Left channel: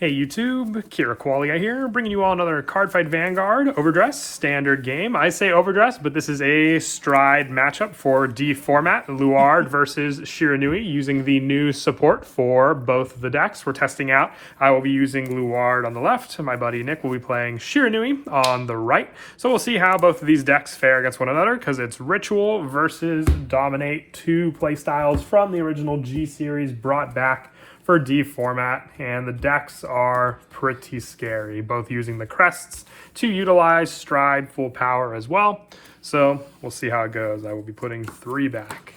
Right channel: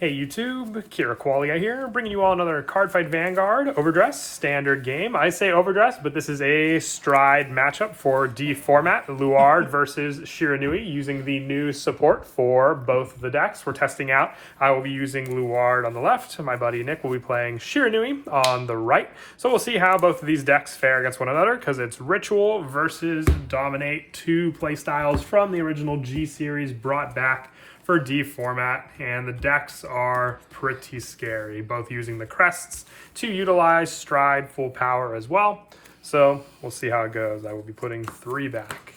Hey YouTube, Kira Qualia here, bringing you all another Cardfight Vanguard Overdress standard game. I say Overdress, but this is a stride matchup for D format, Luard versus Shiranui, using the new support for both of the decks we're testing out. I will be using Luard on the left, my buddy Nick will be playing Shiranui on the right. So we'll see how both of these decks fare against one another, because it's Ritual versus Dominate, two playstyles from the original G series brought back for D format, and the decks are pretty scary, both using the crests to utilize stride full power as well. So we'll see how it goes. I will be putting 3 back.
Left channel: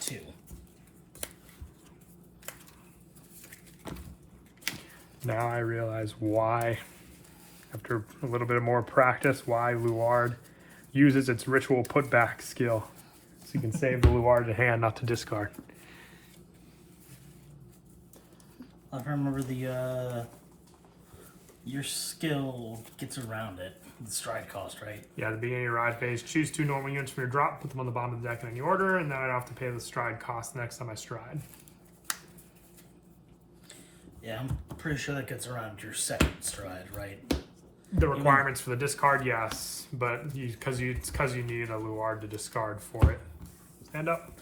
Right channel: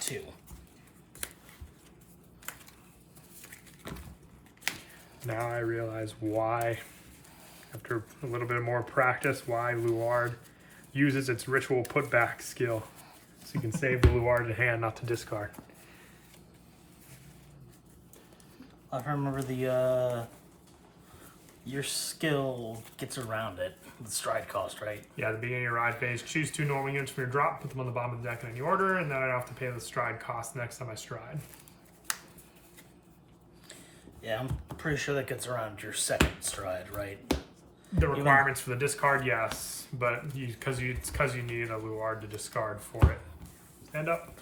2. Now I realize why, after a little bit more practice, why Luard uses its ritual putback skill. So you can save the Luard to hand, not to discard. I remember the your skill gets around it. The stride cost, right? Yeah, at the beginning of your ride phase, choose 2 normal units from your drop, put them on the bottom of the deck in any order, and then I don't have to pay the stride cost the next time I stride. Yeah, I'm pretty sure that gets around your second stride, right? The requirements for the discard, yes, but because you need a Luard to discard for it. Stand up.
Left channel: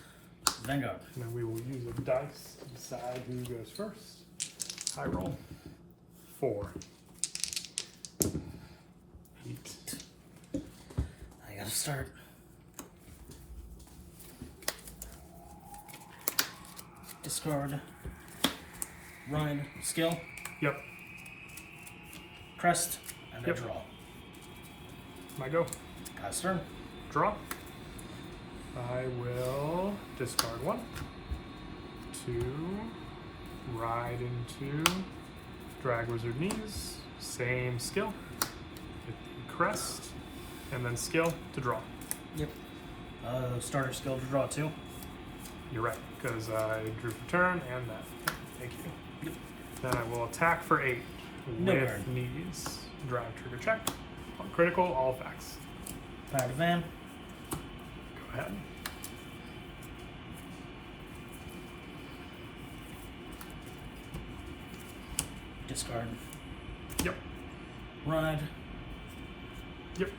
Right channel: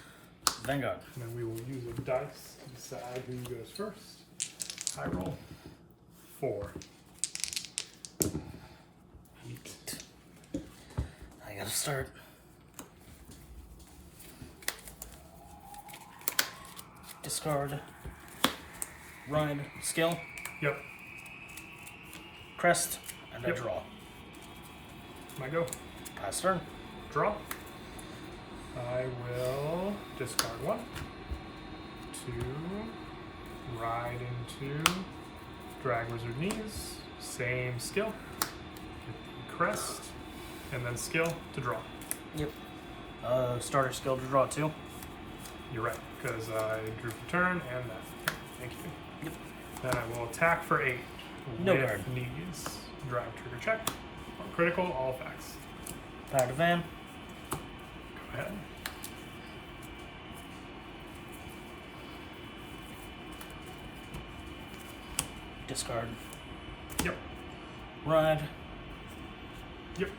Vanguard. And then we will use a dice to decide who goes first. I roll 4. 8. I gotta start. Discard. Ride. Skill. Yep. Crest. And a draw. My go. Pass turn. Draw. I will discard 1, 2, ride into drag wizard knees, same skill, crest, and then skill to draw. Yep. Starter skill to draw 2. You're right, because I drew for turn and that. Thank you. Yep. Then I will attack for 8 No with card. knees. Drive trigger check. On critical, all facts. Power to Van. Go ahead. Discard. Yep. Ride. Yep.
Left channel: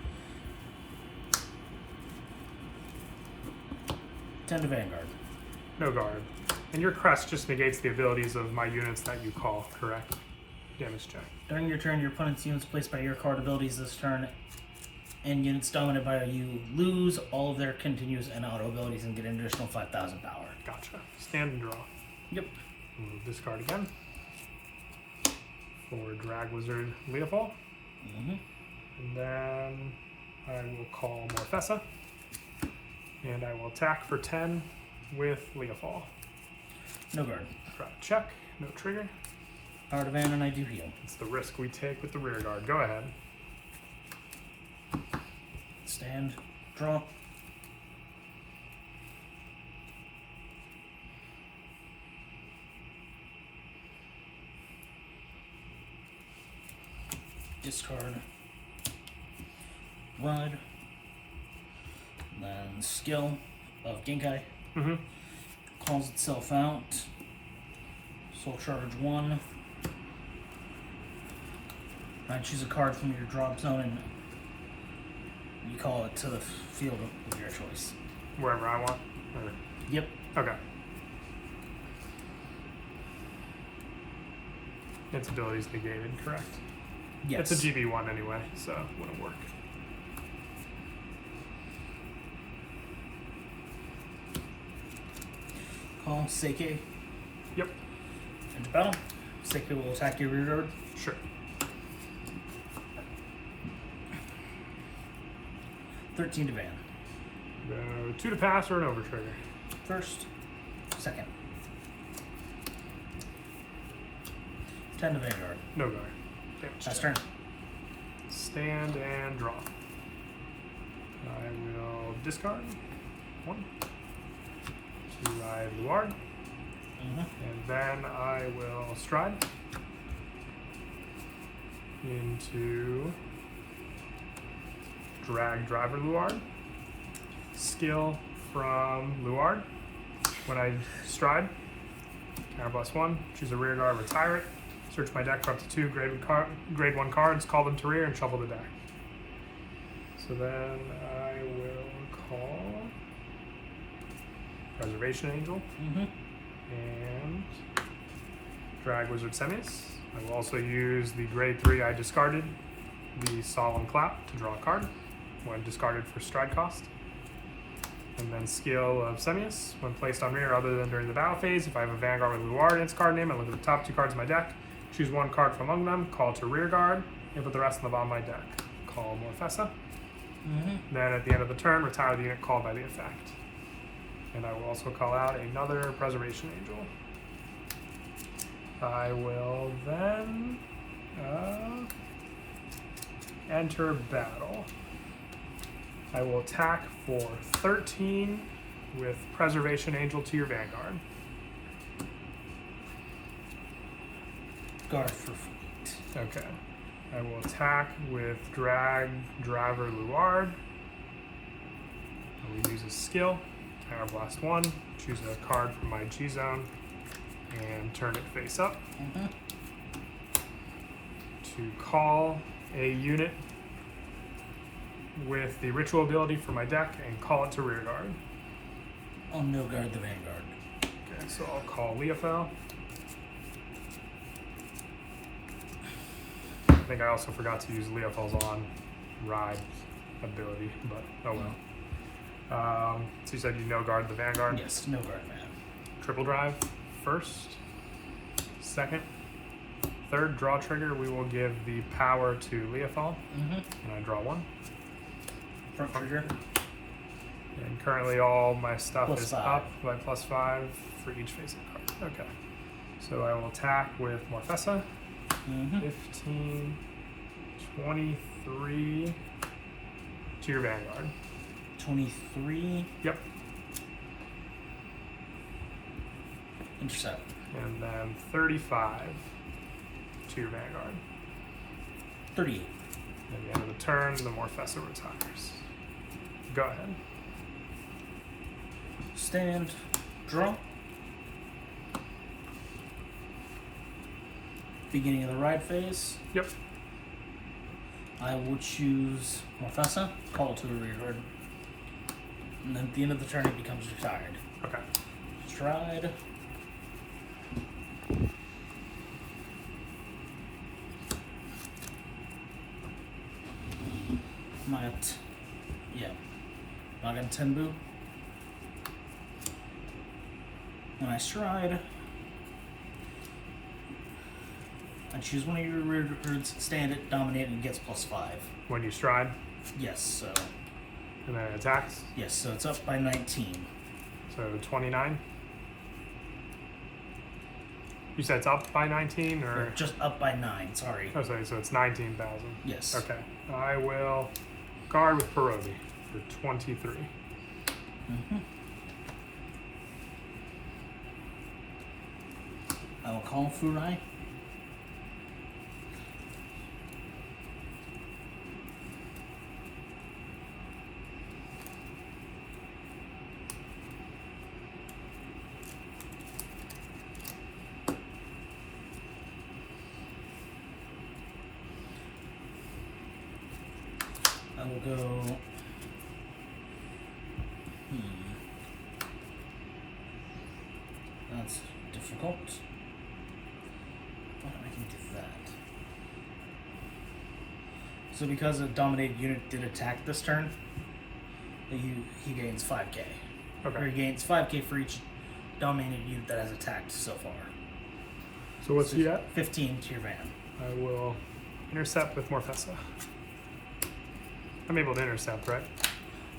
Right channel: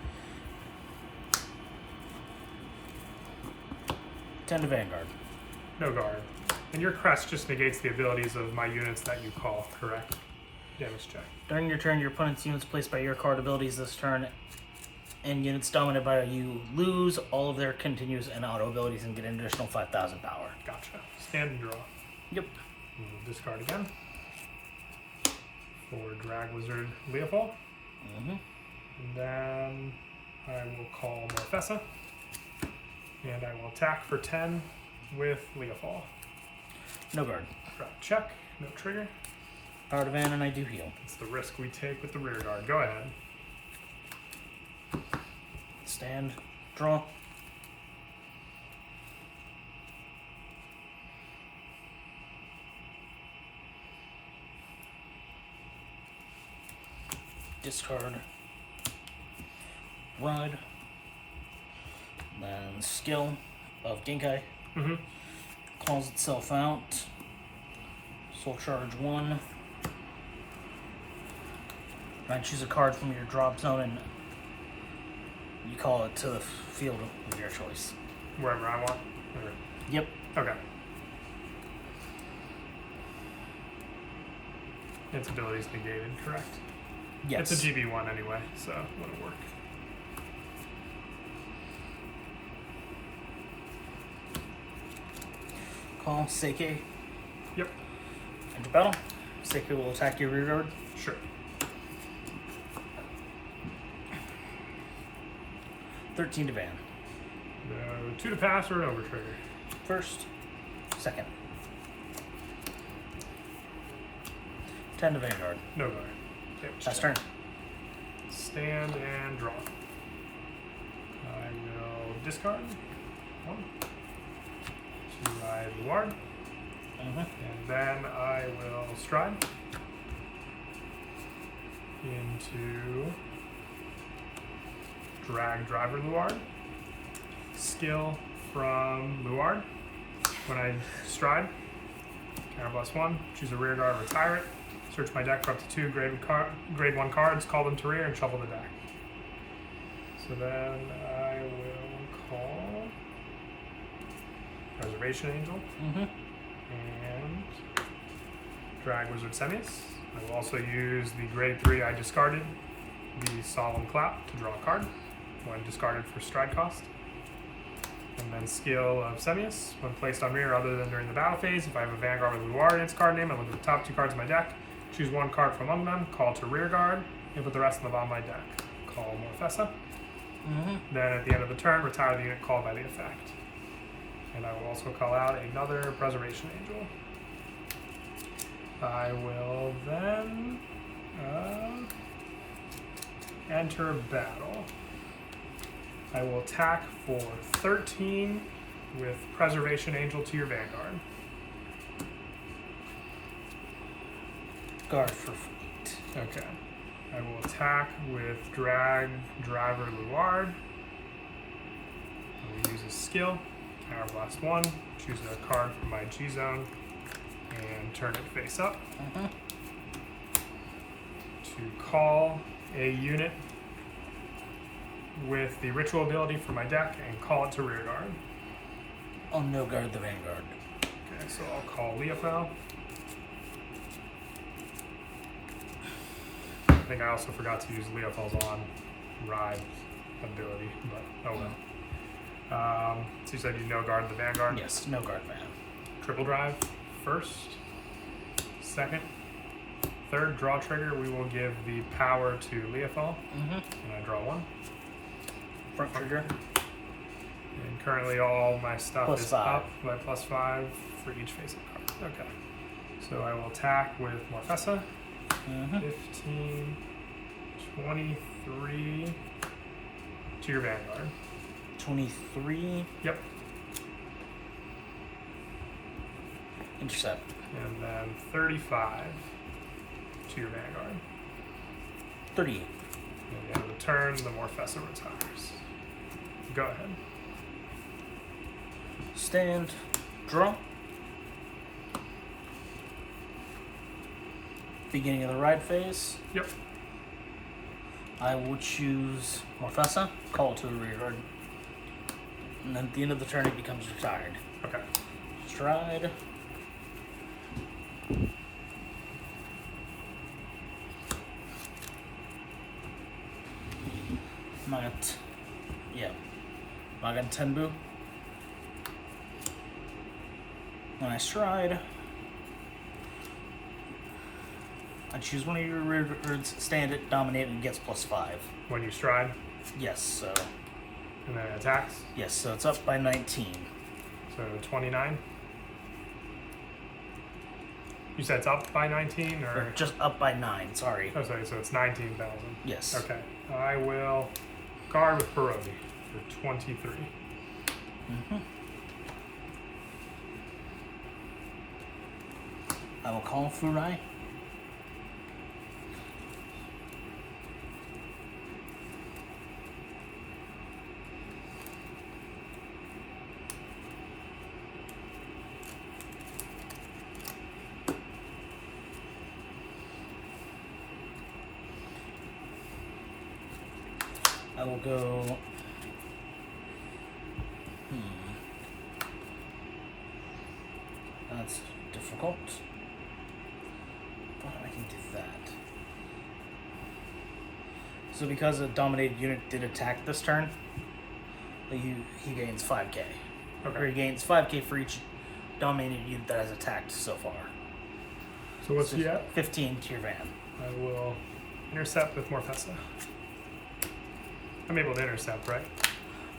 10 to Vanguard. No guard. And your crest just negates the abilities of my units that you call, correct? Damage check. During your turn, your opponent's units placed by your card abilities this turn and units dominated by you lose all of their continues and auto abilities and get an additional 5,000 power. Gotcha. Stand and draw. Yep. We'll discard again. For Drag Wizard Leopold. And then I will call Morfessa. And I will attack for 10 with Leopold. No guard. Drop check. No trigger. Power to Van, and I do heal. It's the risk we take with the rear guard. Go ahead. Stand. Draw. Discard. Ride. Then skill of Dinkai. Calls itself out. Soul Charge 1. And choose a card from your drop zone and you call it to the field of your choice. Wherever I want. Or... Yep. Okay. Its ability is negated, correct? Yes. It's a GB1 anyway, so it wouldn't work. Call Seike. Yep. Enter battle. Seike will attack your rear guard. Sure. 13 to Van. 2 to pass or an over trigger. First. Second. 10 to Vanguard. No guard. Okay. Last turn. Stand and draw. I will discard 1. 2 I Luard. And then I will stride into drag driver Luard. Skill from Luard. When I stride, Now +1. Choose a rear guard, retire it. Search my deck for up to 2 grade 1 cards, call them to rear, and shuffle the deck. So then I will call Preservation Angel and drag Wizard Semis. I will also use the grade 3 I discarded, the Solemn Clap, to draw a card when discarded for stride cost. And then skill of Semius. When placed on rear other than during the battle phase, if I have a Vanguard with Luard in its card name, I look at the top 2 cards of my deck, choose 1 card from among them, call to rear guard, and put the rest in the bottom of my deck. Call Morfessa. Then at the end of the turn, retire the unit called by the effect. And I will also call out another Preservation Angel. I will then enter battle. I will attack for 13 with Preservation Angel to your Vanguard. Guard for fleet. Okay. I will attack with Drag Driver Luard. I will use a skill. Counterblast 1. Choose a card from my G zone and turn it face up. To call a unit with the ritual ability for my deck and call it to rear guard. I'll no guard the Vanguard. Okay, so I'll call Leofel. I think I also forgot to use Leofel's on ride ability, but oh well. So you said you no guard the Vanguard? Yes, no guard man. Triple drive first, second, third draw trigger. We will give the power to Leofel, and I draw 1. Front trigger. And currently all my stuff Plus is 5. up by +5 for each face-up card. Okay. So I will attack with Morfessa. 15, 23 to your Vanguard. 23. Yep. Intercept. And then 35 to your Vanguard. 38. And at the end of the turn, the Morfessa retires. Go ahead. Stand. Draw. Beginning of the ride phase. Yep. I will choose Morfessa, call it to the rear guard. And then at the end of the turn, it becomes retired. Okay. Stride. Magan Tenbu. When I stride, I choose one of your rear guards, stand it, dominate, and gets +5. When you stride, Yes, so and then it attacks. yes, so it's up by 19. So 29. You said it's up by 19, Or or just up by 9, sorry. oh, sorry, so it's 19,000. Yes. Okay. I will guard with Pierogi for 23. I will call Shiranui. I will go. That's difficult. But I can do that. So because a dominated unit did attack this turn, he gains 5k. Okay. Or he gains 5k for each dominated unit that has attacked so far. So what's he at? 15 to your van. I will intercept with Morfessa. I'm able to intercept, right?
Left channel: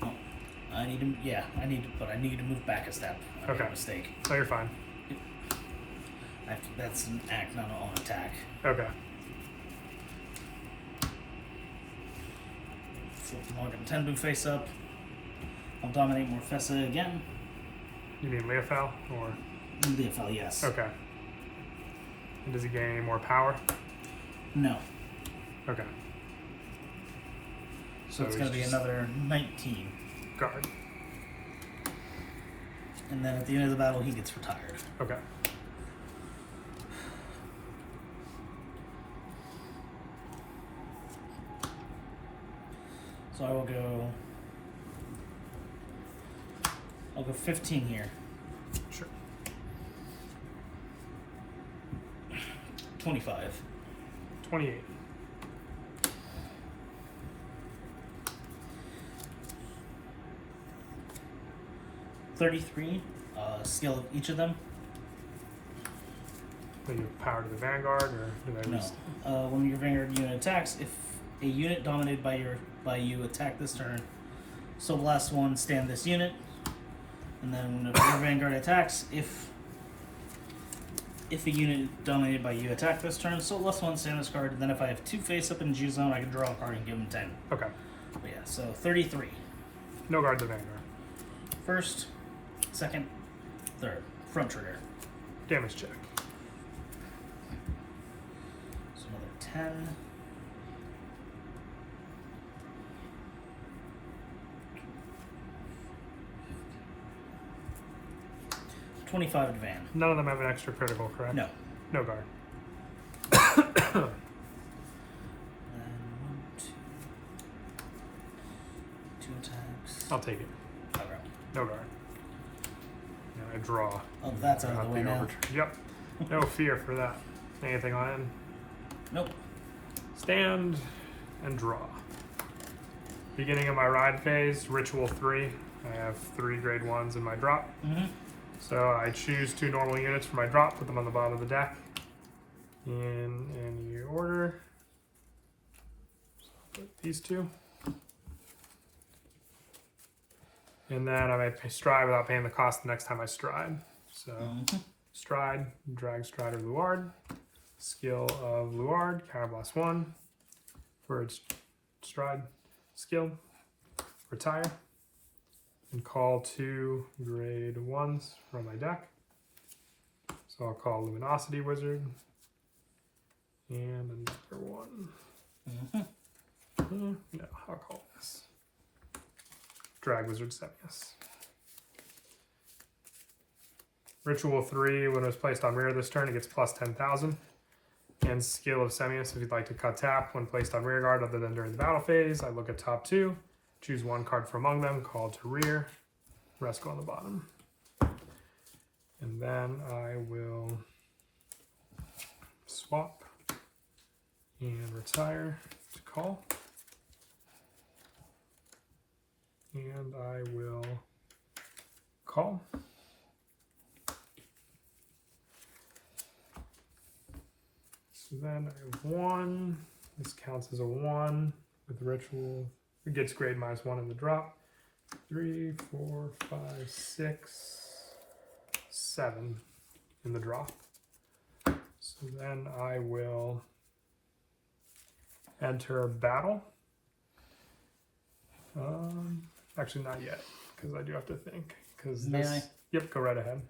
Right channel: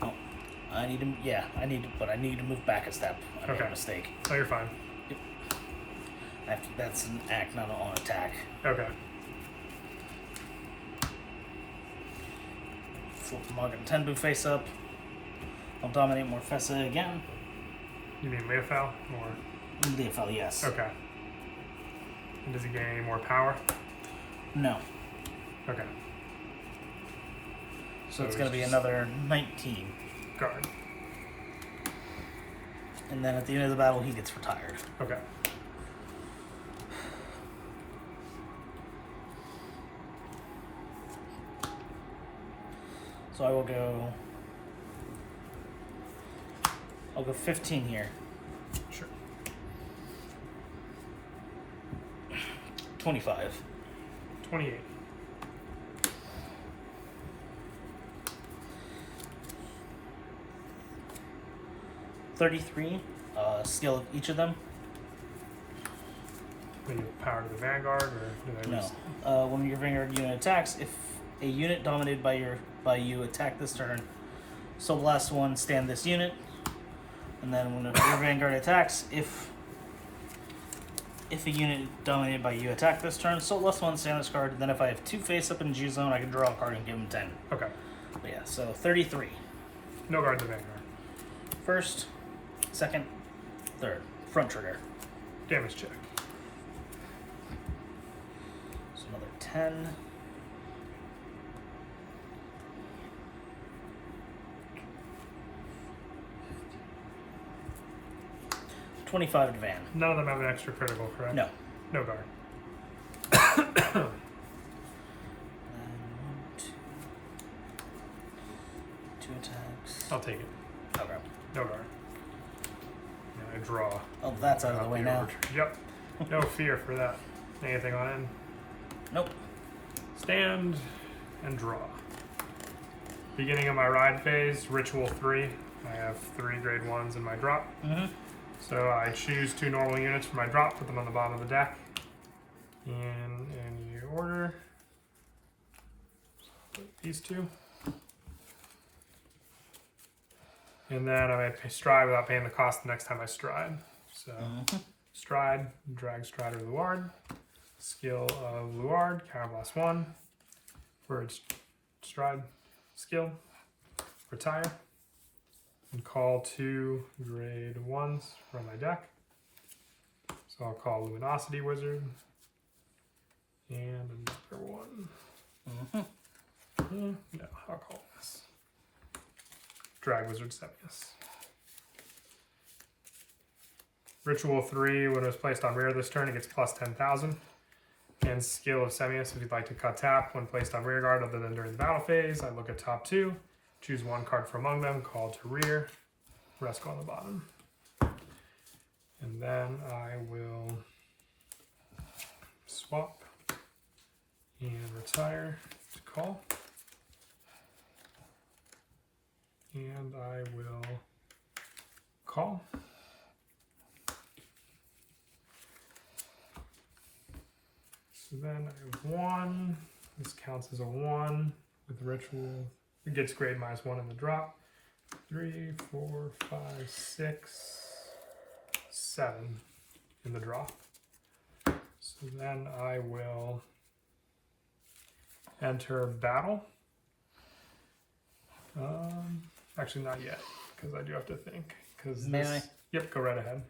Oh, I need to. Yeah, I need to. But I need to move back a step. I made a mistake. Oh, you're fine. That's an act, not on attack. Okay. Flip Magan Tenbu face up. I'll dominate Morfessa again. You mean Leofel or? Leofel, yes. Okay. And does he gain any more power? No. Okay. So it's going to be another 19. Guard. And then at the end of the battle, he gets retired. Okay. So I will go. I'll go 15 here. Sure. 25. 28. $33. Skill of each of them. Maybe power to the Vanguard, or do I No. just- When your Vanguard unit attacks, if a unit dominated by you attack this turn, so the last one stand this unit. And then when your Vanguard attacks, if a unit dominated by you attack this turn, so last one stand this card. And then if I have 2 face up in G zone, I can draw a card and give them 10. Okay. But yeah, so 33. No guard the Vanguard. First, second, third. Front trigger. Damage check. So another 10. $25 to Van. None of them have an extra critical, correct? No. No guard. And 1, 2. 2 attacks. I'll take it. Okay. No guard. I draw. Oh, that's out of the way now. Yep. No fear for that. Anything on him? Nope. Stand and draw. Beginning of my ride phase, Ritual 3. I have 3 grade 1s in my drop. Mm-hmm. So I choose 2 normal units for my drop, put them on the bottom of the deck in any order. So put these 2. And then I may stride without paying the cost the next time I stride. So stride, drag strider Luard. Skill of Luard, counterblast 1. For its stride skill, retire. And call 2 grade 1s from my deck. So I'll call Luminosity Wizard. And another one. No, I'll call this. Drag Wizard Semius. Ritual 3, when it was placed on rear this turn, it gets plus 10,000. And skill of Semius, if you'd like to cut tap when placed on rear guard other than during the battle phase, I look at top 2. Choose 1 card from among them, call to rear, rest go on the bottom. And then I will swap and retire to call. And I will call. So then I have 1. This counts as a 1 with ritual. It gets grade -1 in the drop. 3, 4, 5, 6, 7 in the drop. So then I will enter battle. Actually, not yet, because I do have to think. Because this. Yep, go right ahead.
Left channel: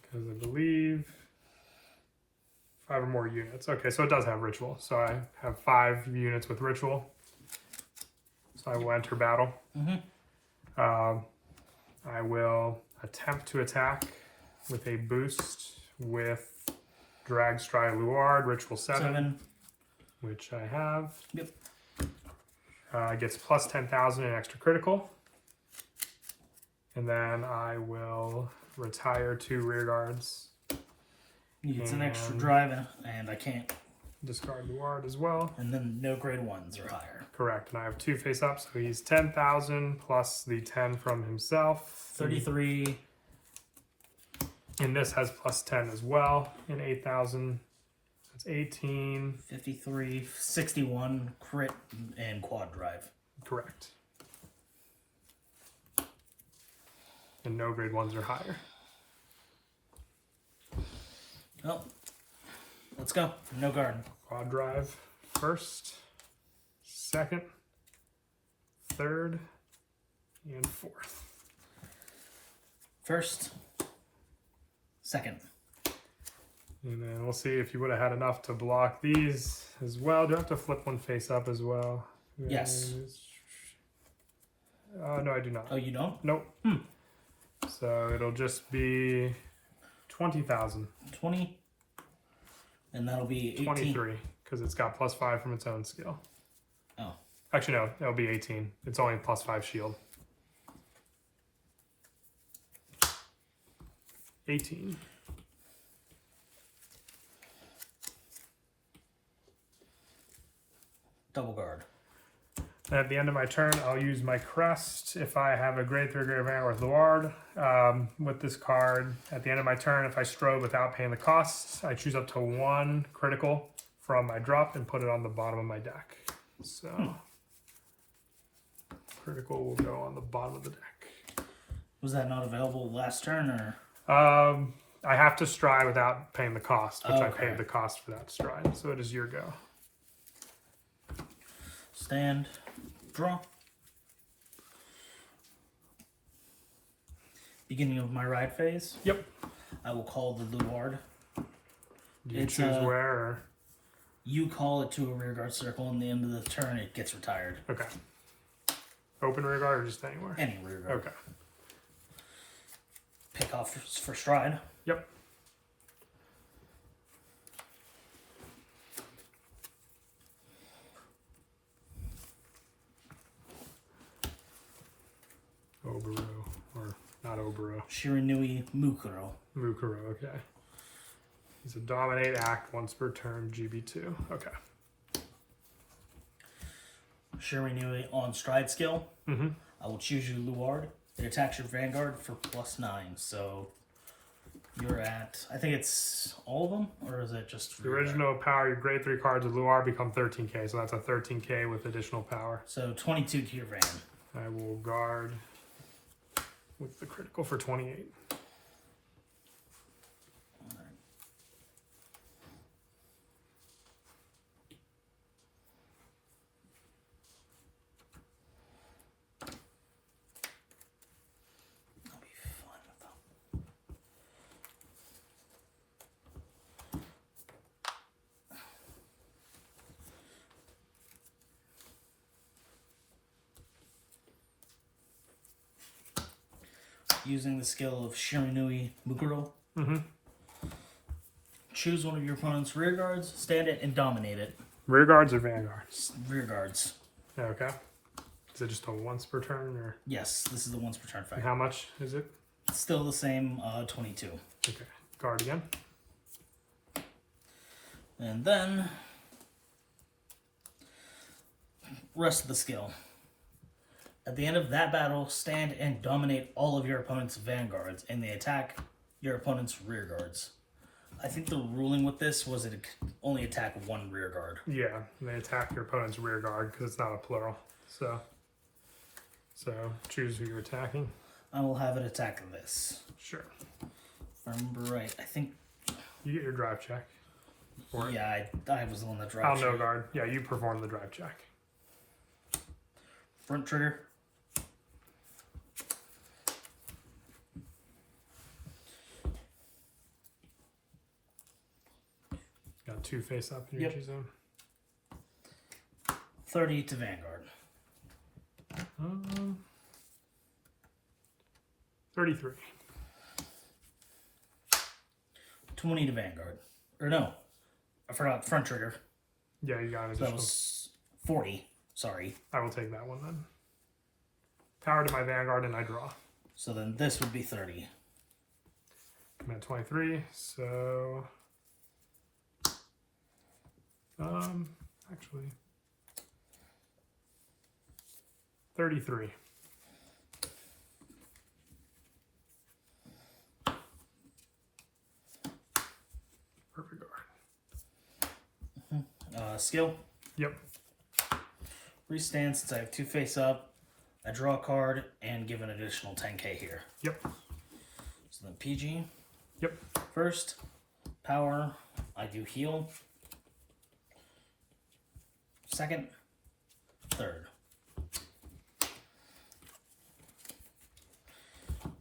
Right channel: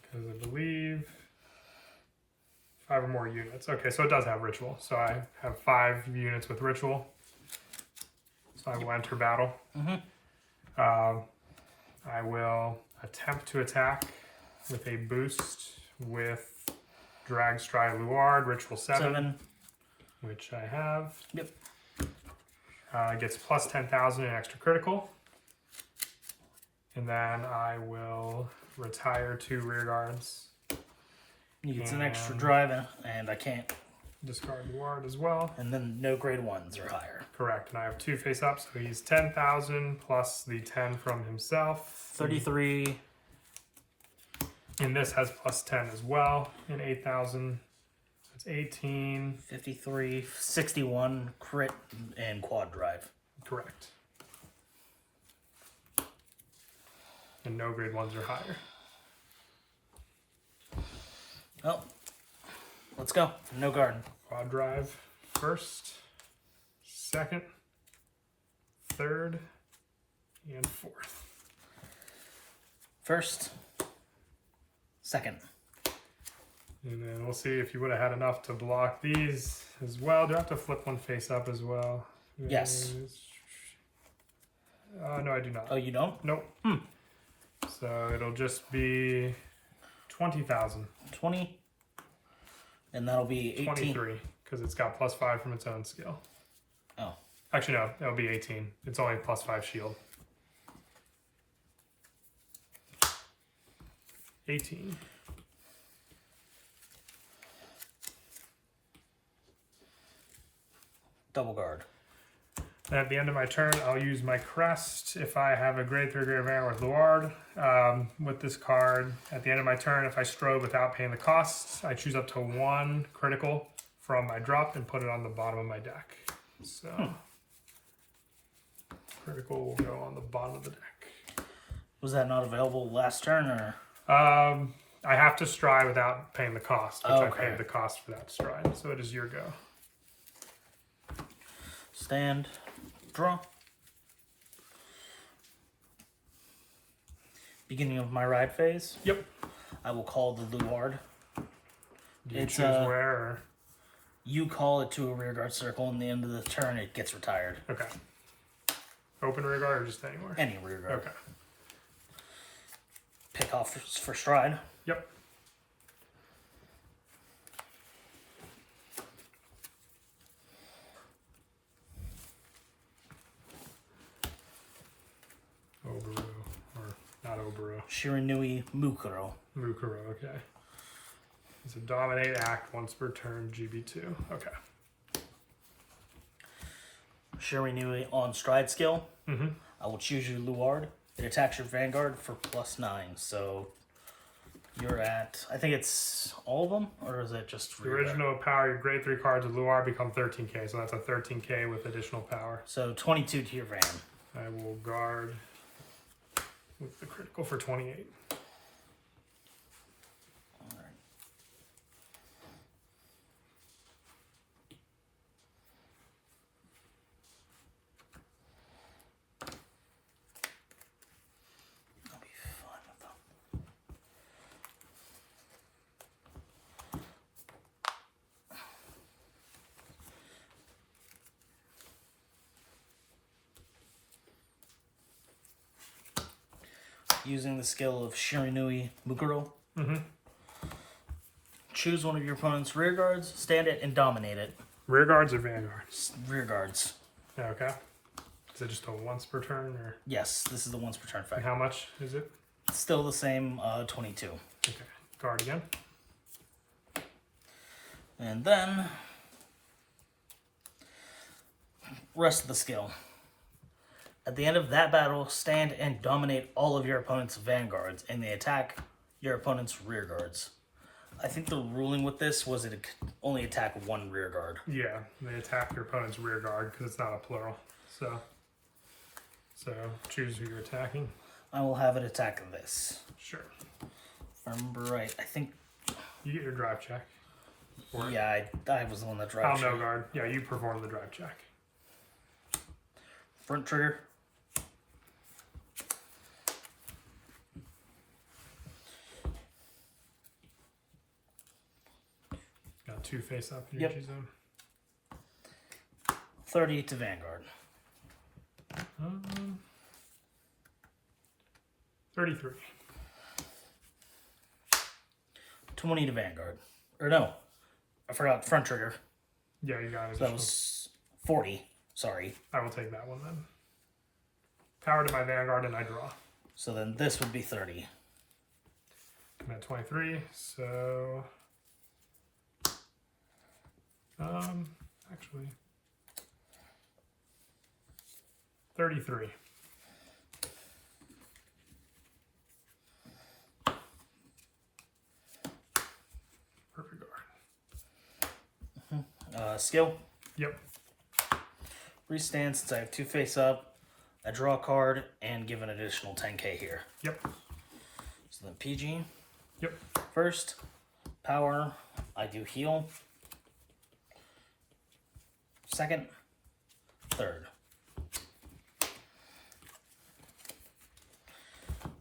Because I believe 5 or more units. Okay, so it does have ritual. So I have 5 units with ritual. So I will enter battle. I will attempt to attack with a boost with Drag Stride Luard, Ritual 7, which I have. Yep. It gets plus 10,000 in extra critical. And then I will retire 2 rear guards. He gets an extra drive, and I can't. Discard Luard as well. And then no grade 1s or higher. Correct. And I have 2 face ups, so he's 10,000 plus the 10 from himself. 33. And this has plus 10 as well. And 8,000. That's 18. 53. 61. Crit and quad drive. Correct. And no grade 1s or higher. Well, let's go. No guard. Quad drive first, second, third, and fourth. First, second. And then we'll see if you would have had enough to block these as well. Do I have to flip 1 face up as well? Yes. No, I do not. Oh, you don't? Nope. So it'll just be 20,000. 20. And that'll be 18. 23, because it's got +5 from its own skill. Oh. Actually, no, that'll be 18. It's only +5 shield. 18. Double guard. And at the end of my turn, I'll use my crest if I have a grade 3 Grade Vanguard with Luard. With this card, at the end of my turn, if I strobe without paying the costs, I choose up to 1 critical from my drop and put it on the bottom of my deck. So, critical will go on the bottom of the deck. Was that not available last turn, or? I have to stride without paying the cost, which I Okay. paid the cost for that stride. So it is your go. Stand. Draw. Beginning of my ride phase. Yep. I will call the Luard. You It's, choose where or... You call it to a rearguard circle, and the end of the turn it gets retired. Okay. Open rearguard or just anywhere? Any rearguard. Okay. Pick off for stride. Yep. Oboro, or not Oboro. Shiranui Mukuro. Mukuro, okay. It's a dominate act once per turn, GB2. Okay. Shiranui on stride skill. Mm-hmm. I will choose you Luard. It attacks your Vanguard for +9. So you're at, I think it's all of them, or is it just The original power, your grade 3 cards with Luard become 13k, so that's a 13k with additional power. So 22 to your Van. I will guard with the critical for 28. Alright. I'll be fine with them. Using the skill of Shiranui Mukuro, Mm-hmm. choose one of your opponent's rear guards, stand it, and dominate it. Rear guards or vanguards? Rear guards. Okay. Is it just a once per turn or? Yes, this is the once per turn And effect. how much is it? Still the same, 22. Okay. Guard again. And then, rest of the skill. At the end of that battle, stand and dominate all of your opponent's vanguards, and they attack your opponent's rear guards. I think the ruling with this was it could only attack 1 rear guard. Yeah, they attack your opponent's rear guard because it's not a plural. So choose who you're attacking. I will have it attack this. Sure. If I remember right, I think, You get your drive check. Or- yeah, I was the one that Oh, dropped. no guard. Yeah, you perform the drive check. Front trigger. Got 2 face up Yep. energy zone. 30 to Vanguard. 33. 20 to Vanguard. Or no, I forgot front trigger. Yeah, you got it. So that was 40. Sorry. I will take that one then. Power to my Vanguard and I draw. So then this would be 30. I'm at 23, so... actually... 33. Perfect guard. Skill. Yep. Restand since I have 2 face up. I draw a card and give an additional 10k here. Yep. So then PG. Yep. First, power, I do heal. Second, third.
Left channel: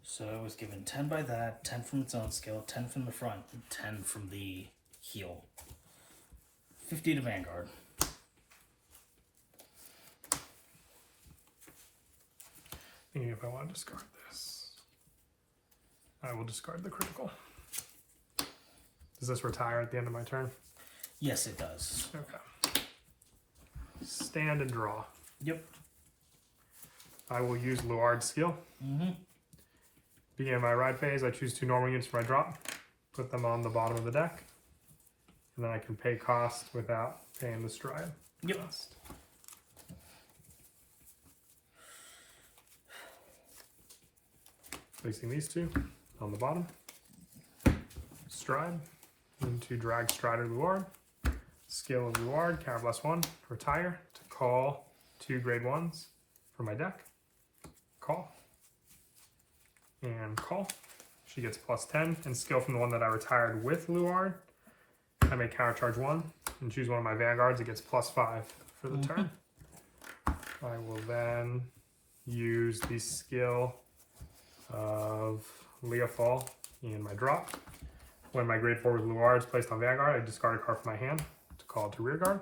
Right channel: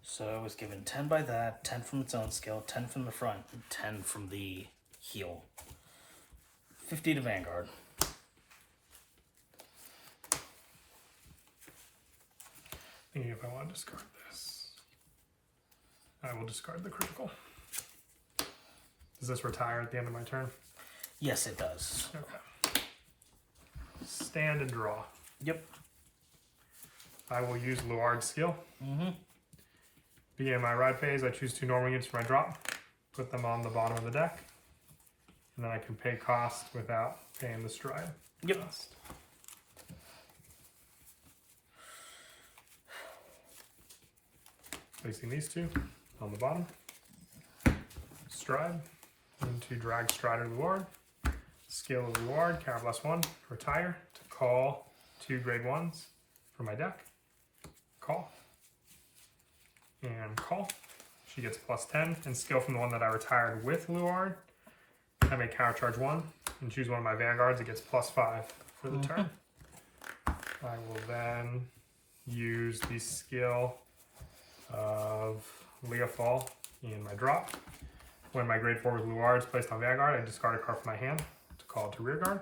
So I was given 10 by that, 10 from its own skill, 10 from the front, and 10 from the heal. 50 to Vanguard. Thinking if I want to discard this. I will discard the critical. Does this retire at the end of my turn? Yes, it does. Okay. Stand and draw. Yep. I will use Luard's skill. Mm-hmm. Beginning of my ride phase, I choose 2 normal units for my drop, put them on the bottom of the deck, and then I can pay cost without paying the stride cost. Placing these 2 on the bottom. Stride into drag Strider Luard. Skill of Luard, counter +1, retire to call 2 grade 1s for my deck. Call. And call. She gets +10. And skill from the one that I retired with Luard. I may counter charge 1 and choose one of my Vanguards. It gets +5 for the turn. I will then use the skill of Leafall in my drop. When my grade 4 with Luard is placed on Vanguard, I discard a card from my hand to call it to rear guard.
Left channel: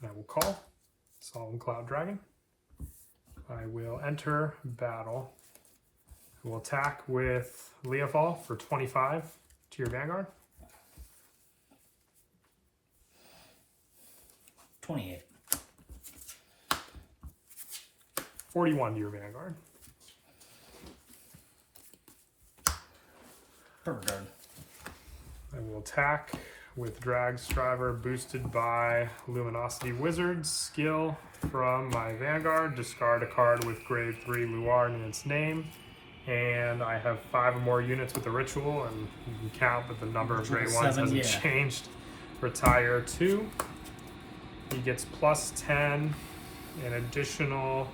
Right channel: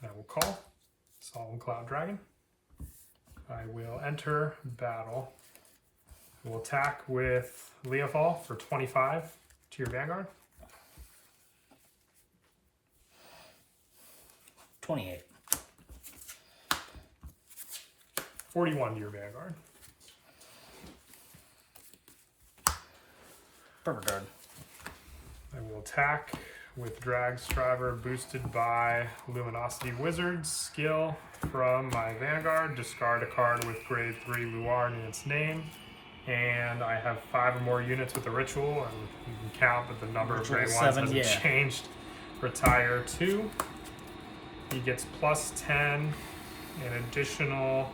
And I will call Solemn Cloud Dragon. I will enter battle. We'll attack with Leafall for 25 to your Vanguard. 28. 41 to your Vanguard. Perfect guard. I will attack with Drag Striver boosted by Luminosity Wizard's skill from my Vanguard. Discard a card with grade 3 Luard in its name. And I have 5 or more units with the ritual, and you can count that the number of grade 1s hasn't changed. Retire 2. He gets +10, an additional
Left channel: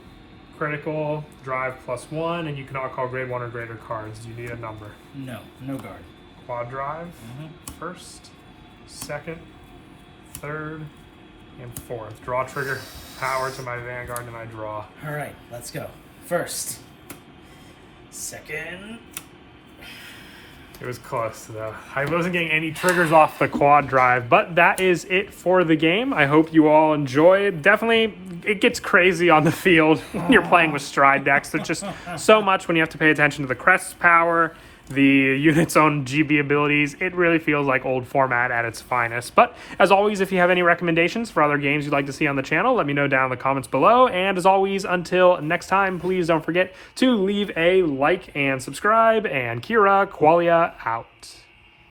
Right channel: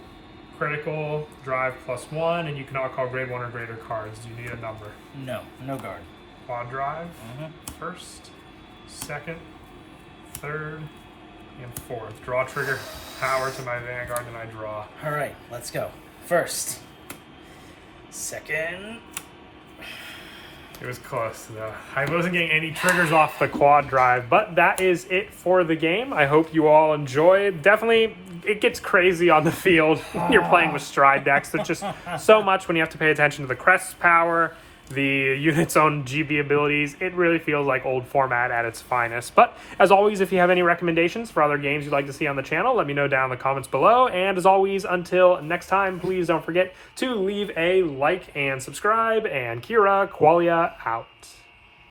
critical, drive +1, and you cannot call grade 1 or greater cards. Do you need a number? No, no guard. Quad drive, first, second, third, and fourth. Draw trigger, power to my Vanguard, and I draw. All right, let's go. First, second. It was close though. I wasn't getting any triggers off the quad drive, but that is it for the game. I hope you all enjoy. Definitely, it gets crazy on the field when you're playing with stride decks. It's just so much when you have to pay attention to the crest's power, the unit's own GB abilities. It really feels like old format at its finest. But as always, if you have any recommendations for other games you'd like to see on the channel, let me know down in the comments below. And as always, until next time, please don't forget to leave a like and subscribe. And Kira Qualia out.